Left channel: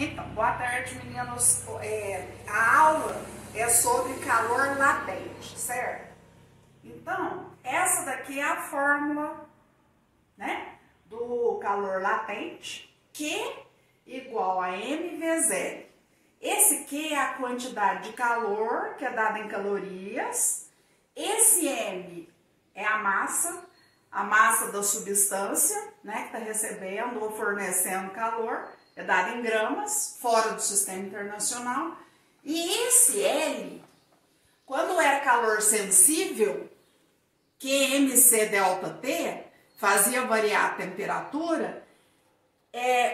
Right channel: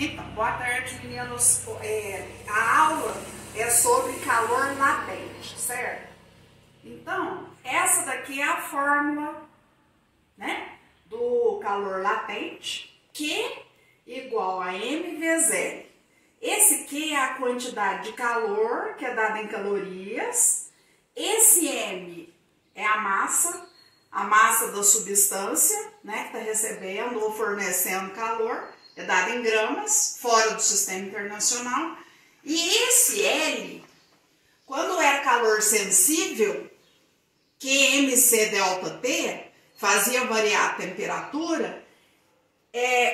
Então, boa tarde, meninos. A aula é sobre calor latente, certo? Então, essa daqui é a fórmula, né, do calor latente, Q igual a M vezes L. Esse Q é a quantidade de calor que é dada em calorias. Esse M é a massa da substância, né, que está recebendo ou fornecendo calor. É dado em gramas, fora do sistema internacional. E esse L, quando era calor sensível, QMC delta T, fazia variar a temperatura,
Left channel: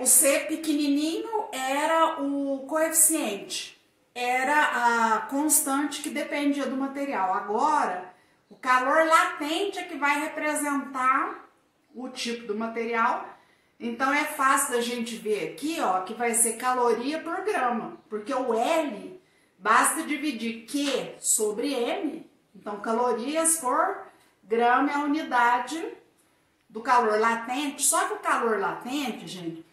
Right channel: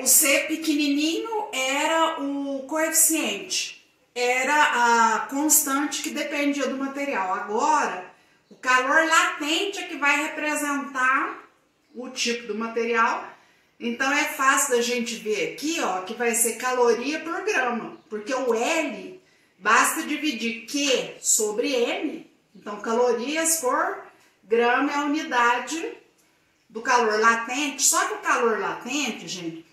o C pequenininho era o coeficiente, era a constante que dependia do material. Agora, o calor latente é que vai representar o tipo do material. Então é fácil da gente ver aqui, ó, que vai ser caloria por grama, porque o L basta dividir Q sobre M, então calorias por grama é a unidade do calor latente. Só que o calor latente, gente,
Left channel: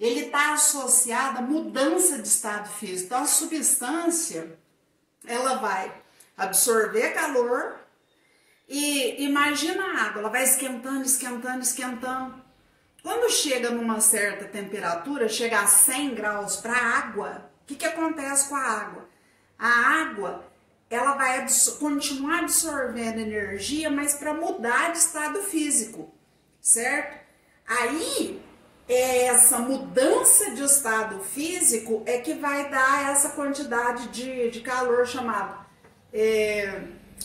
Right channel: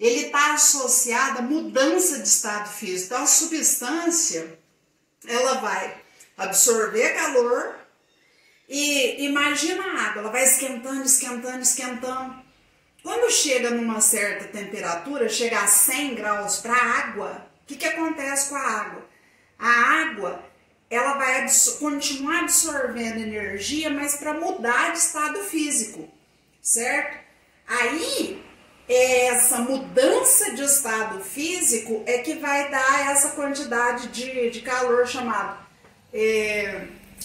ele está associado à mudança de estado físico. Então a substância, ela vai absorver calor e imagina a água, ela vai esquentando, esquentando, esquentando. Quando chega numa certa temperatura, chega a 100 graus para a água, o que acontece com a água? A água, ela vai continuar absorvendo energia, mas para mudar de estado físico, certo? Aí, essa mudança de estado físico é que vai dar essa quantidade de calor chamado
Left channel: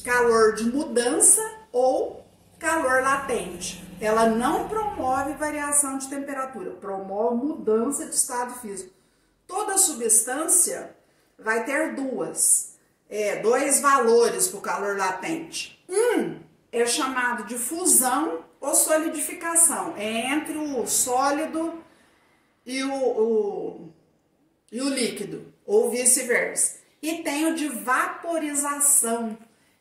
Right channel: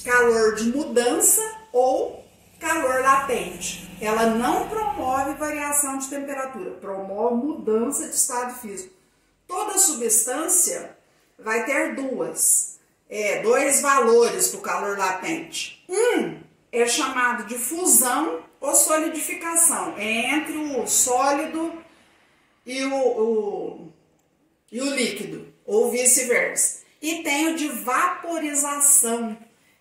calor de mudança ou calor latente. Ela não promove variação de temperatura, promove mudança de estado físico. Toda substância vai ter dois valores para o calor latente. Um é chamado de fusão ou solidificação, é entre o sólido e o líquido, ou vice-versa. E tem o de vaporização,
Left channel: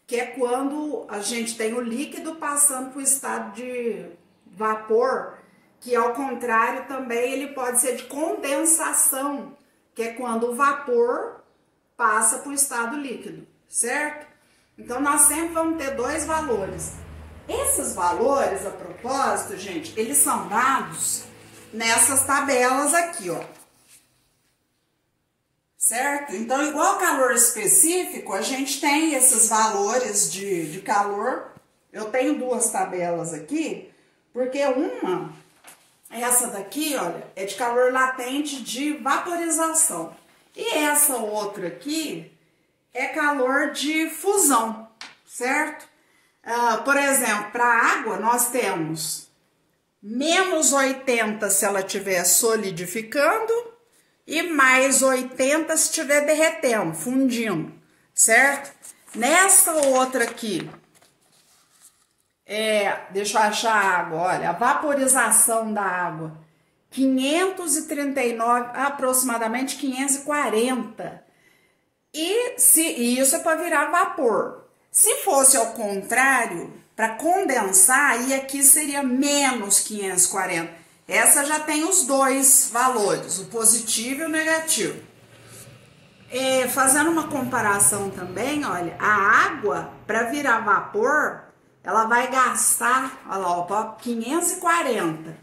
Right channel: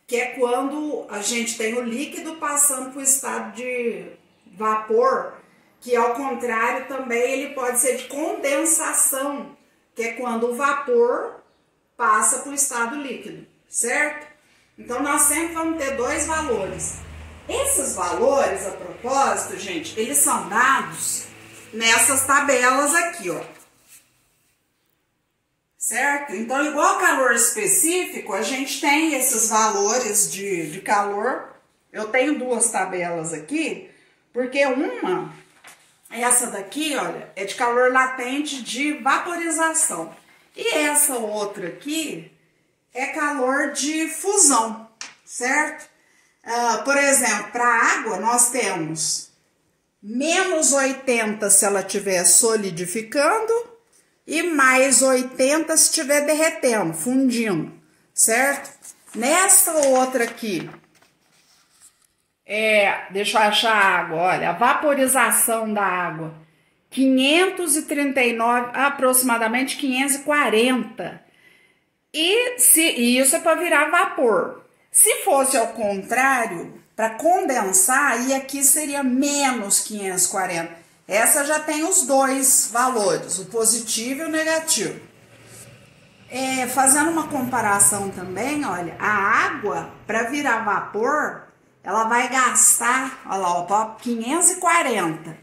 que é quando a gente tem o líquido passando para o estado de vapor, que ao contrário também ele pode ser de condensação, que é quando o vapor passa para o estado líquido, certo? Então nós sempre vamos ter dois valores. Esses valores, a propósito, gente, eles são dados nessas tabelas aqui, ó. Certo? Então, igual calor específico, a gente tem esses valores de calor. Eu tenho duas tabelas aqui, porque essa daqui, olha, é de calor latente de vaporização. E essa outra aqui é calor de fusão, certo? Por exemplo, para a água, nós temos menos 80 se ela estiver solidificando, e mais 80 se estiver derretendo, fundindo, certo? Nessa outra aqui, deixa eu achar a água, olha, a vaporização da água, 539, aproximadamente 540. E isso é para virar vapor. Se fosse ao contrário, para condensar, aí aqui seria menos 540. Essa já tem os dois valores, o positivo e o negativo. Fazendo uma comparação também, olha, a água, para virar vapor, ela vai gastar, olha lá, ó, 540.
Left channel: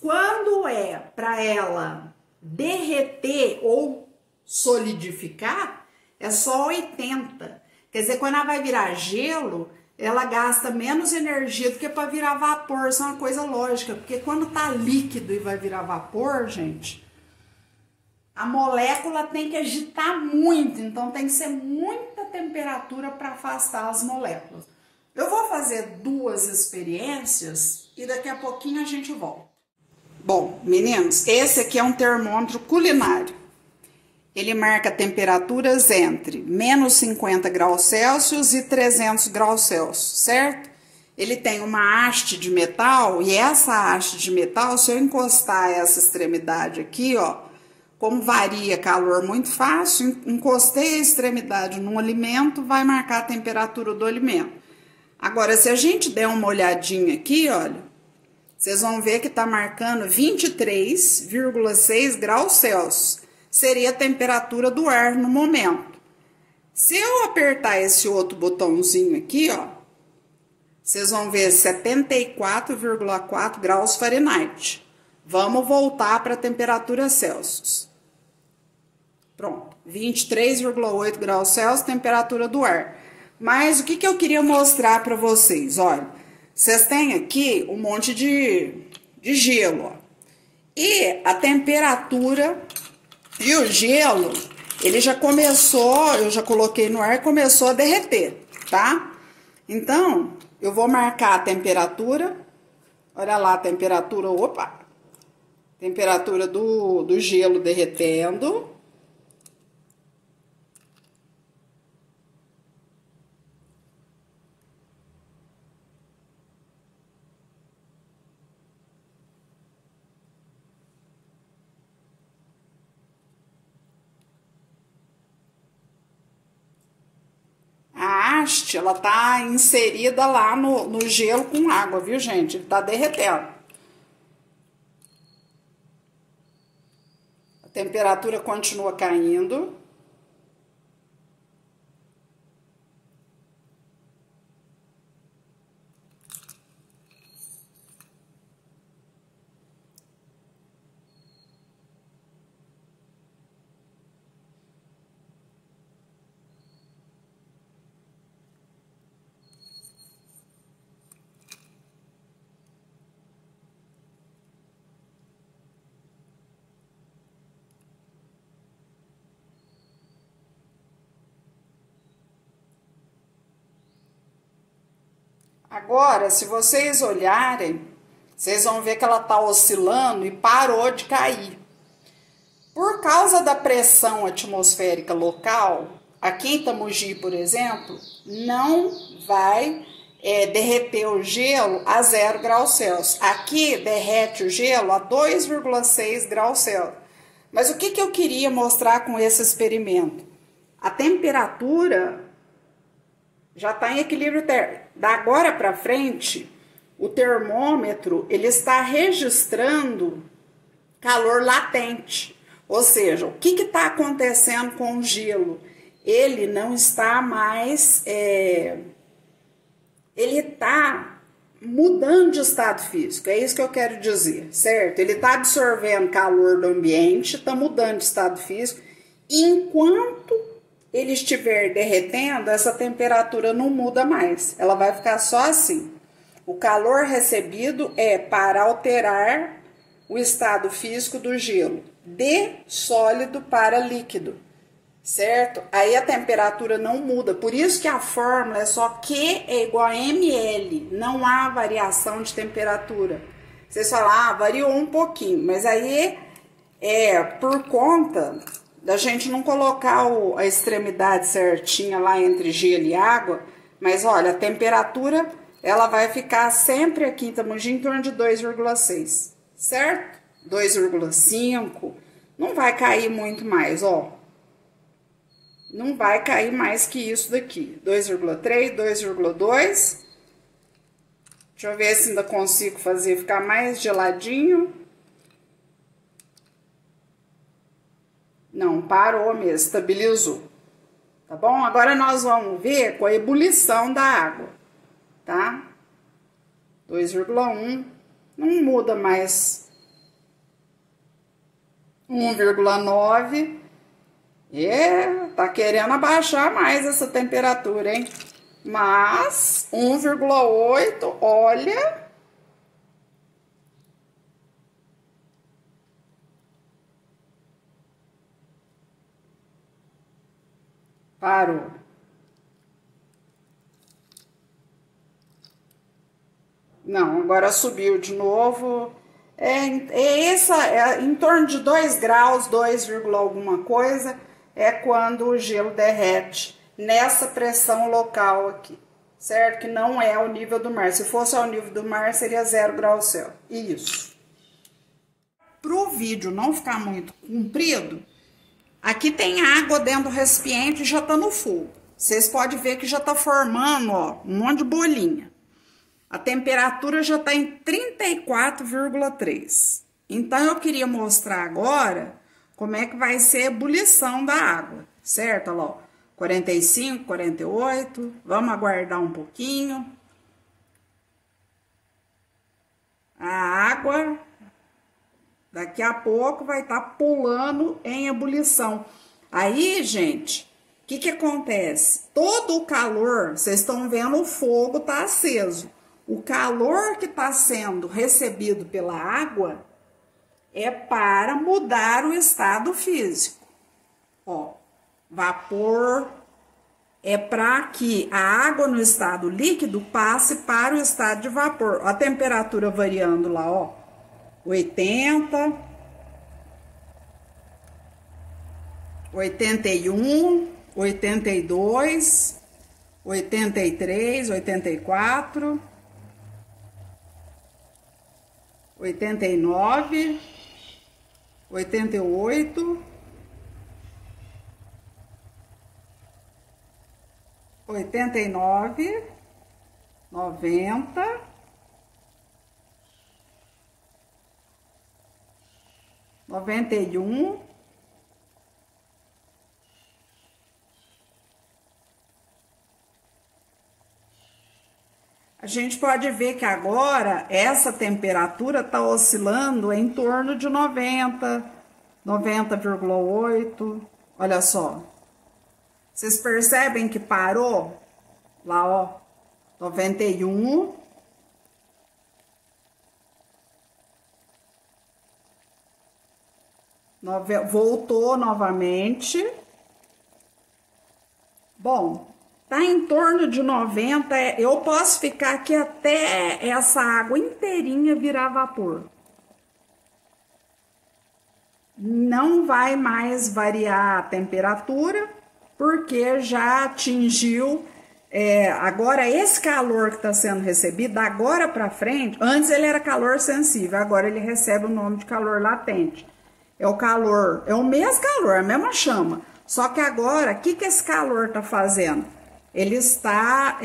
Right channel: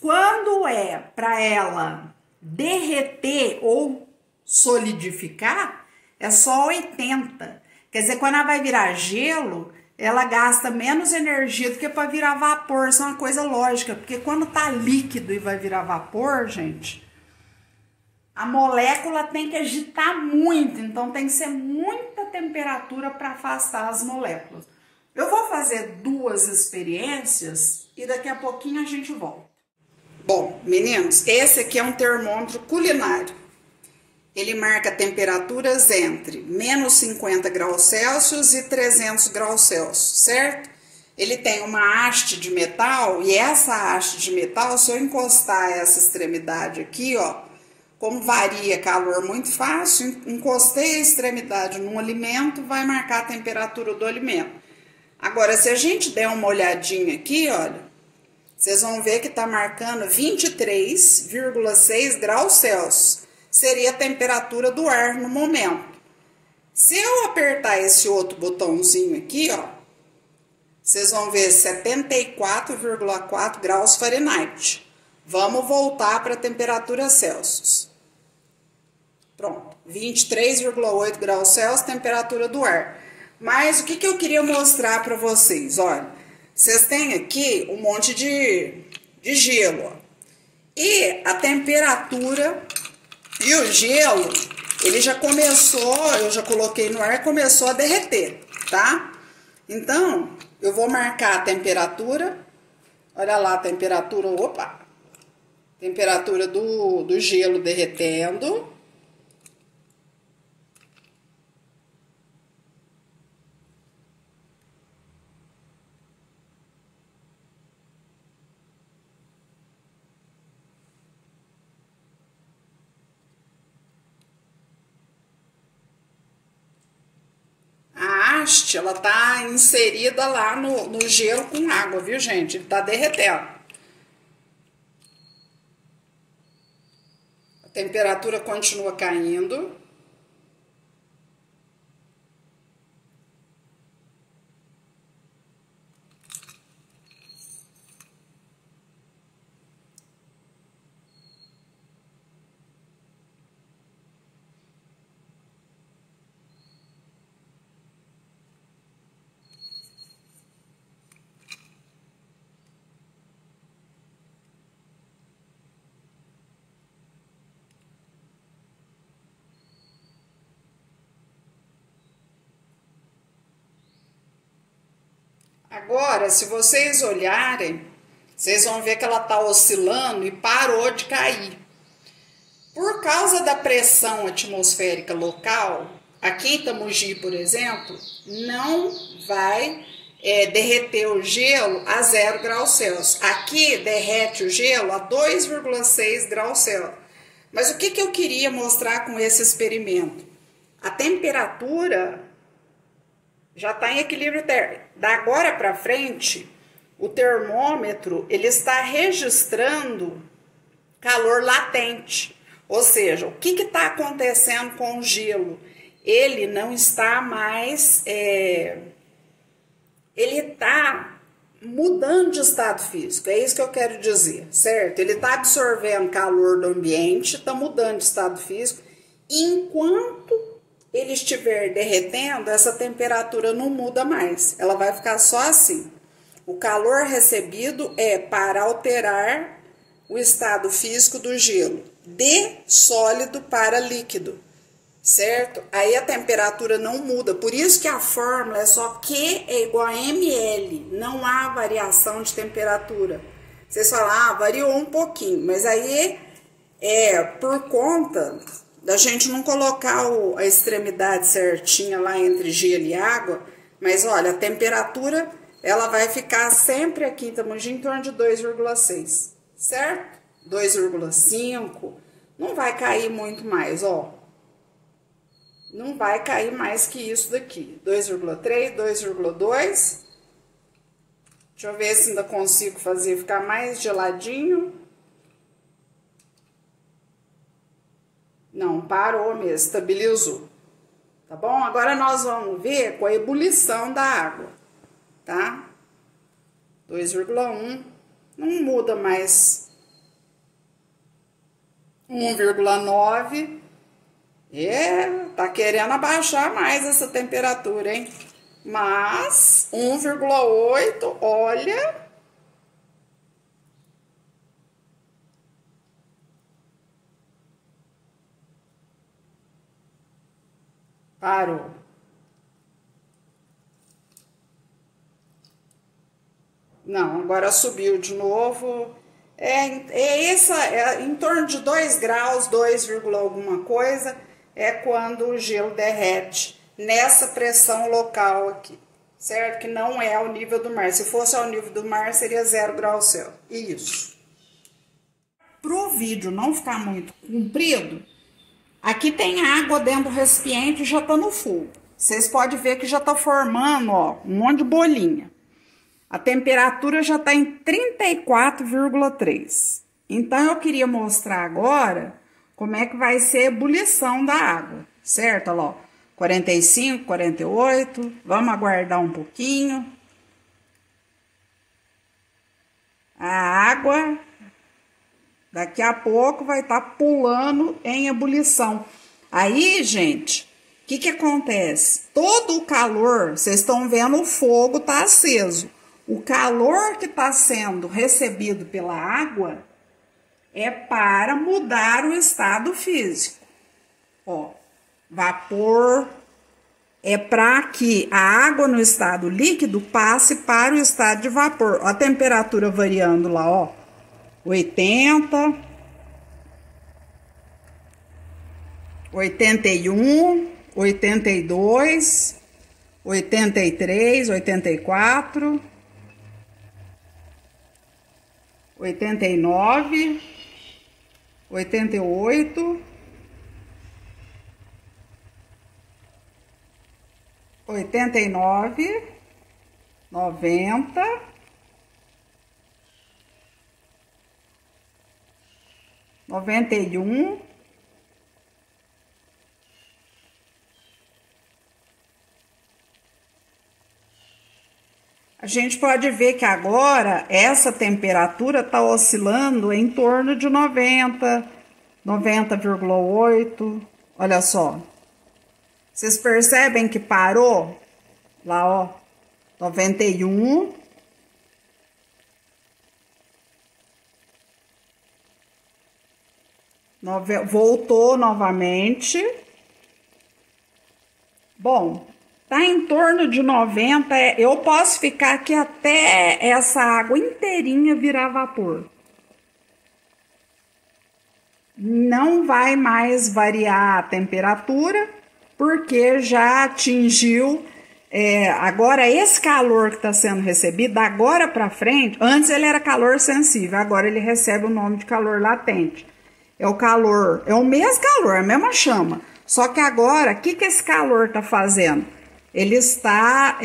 Quando é para ela derreter ou solidificar, é só 80. Quer dizer, quando ela vai virar gelo, ela gasta menos energia do que para virar vapor. Isso é uma coisa lógica, porque quando tá líquido e vai virar vapor, gente, a molécula tem que agitar muito, então tem que ser muita temperatura para afastar as moléculas. Eu vou fazer duas experiências e daqui a pouquinho a gente volta. Bom, meninos, esse aqui é um termômetro culinário. Ele marca temperaturas entre menos 50 graus Celsius e 300 graus Celsius, certo? Ele tem uma haste de metal e essa haste de metal, se eu encostar essa extremidade aqui, ó, como varia calor muito fácil, encostei a extremidade num alimento, vai marcar a temperatura do alimento. Agora, se a gente der uma olhadinha aqui, olha, vocês vão ver que tá marcando 23,6 graus Celsius. seria a temperatura do ar no momento. Se eu apertar esse outro botãozinho aqui, ó, vocês vão ver 74,4 graus Fahrenheit. Vamos voltar para a temperatura Celsius. Pronto, 23,8 graus Celsius, temperatura do ar. Mas o que eu queria mostrar para vocês? Olha, vocês têm aqui um monte de gelo, ó. E a temperatura e o gelo, ele já começou, eu já coloquei no ar e começou a derreter, tá? Então, eu vou marcar a temperatura. Olha lá a temperatura, opa! Temperatura do gelo derretendo. A haste, ela tá inserida lá no gelo com água, viu, gente? Ele tá derretendo. A temperatura continua caindo. Agora, se vocês olharem, vocês vão ver que ela tá oscilando e parou de cair. Por causa da pressão atmosférica local, aqui em Itamogi, por exemplo, não vai derreter o gelo a 0 graus Celsius. Aqui derrete o gelo a 2,6 graus Celsius. Mas o que eu queria mostrar com esse experimento? A temperatura já está em equilíbrio térmico. Da agora para frente, o termômetro ele está registrando calor latente. Ou seja, o que está acontecendo com o gelo? Ele não está mais... ele está mudando de estado físico, é isso que eu quero dizer, certo? Ele está absorvendo calor do ambiente, está mudando de estado físico, e enquanto ele estiver derretendo, essa temperatura não muda mais, ela vai ficar só assim. O calor recebido é para alterar o estado físico do gelo, de sólido para líquido, certo? Aí a temperatura não muda, por isso que a fórmula é só Q é igual a ml, não há variação de temperatura. Vocês falam, variou um pouquinho, mas aí é por conta da gente não colocar a extremidade certinha lá entre gelo e água, mas olha, a temperatura ela vai ficar sempre aqui em Itamogi em torno de 2,6, certo? 2,5, não vai cair muito mais, ó. Não vai cair mais que isso daqui, 2,3, 2,2. Deixa eu ver se ainda consigo fazer ficar mais geladinho. Não, parou mesmo, estabilizou. Tá bom? Agora nós vamos ver com a ebulição da água, tá? 2,1, não muda mais. 1,9. Tá querendo abaixar mais essa temperatura, hein? Mas 1,8, olha. Parou. Não, agora subiu de novo. Em torno de 2 graus, 2, alguma coisa, é quando o gelo derrete nessa pressão local aqui, certo? Que não é ao nível do mar. Se fosse ao nível do mar, seria 0 graus Celsius. Isso. Para o vídeo não ficar muito comprido, aqui tem água dentro do recipiente e já está no fogo. Vocês podem ver que já está formando, ó, um monte de bolinha. A temperatura já está em 34,3. Então, eu queria mostrar agora como é que vai ser a ebulição da água, certo? Olha lá, 45, 48, vamos aguardar um pouquinho. A água, daqui a pouco, vai estar pulando em ebulição. Aí, gente, o que acontece? Todo o calor, vocês estão vendo, o fogo está aceso. O calor que está sendo recebido pela água é para mudar o estado físico. Ó, vapor é para que a água no estado líquido passe para o estado de vapor. Ó, a temperatura variando lá, ó, 80, 81, 82, 83, 84, 89, 88, 89, 90, 91, a gente pode ver que agora essa temperatura está oscilando em torno de 90, 90,8. Olha só. Vocês percebem que parou? Lá, ó, 91. Voltou novamente. Bom, tá em torno de 90. Eu posso ficar aqui até essa água inteirinha virar vapor. Não vai mais variar a temperatura, porque já atingiu, agora esse calor que está sendo recebido, agora para frente, antes ele era calor sensível, agora ele recebe o nome de calor latente. É o calor, é o mesmo calor, a mesma chama, só que agora, o que esse calor está fazendo? Ele está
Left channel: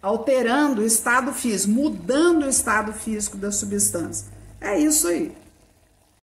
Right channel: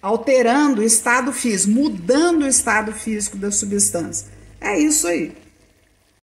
alterando o estado físico, mudando o estado físico da substância. É isso aí.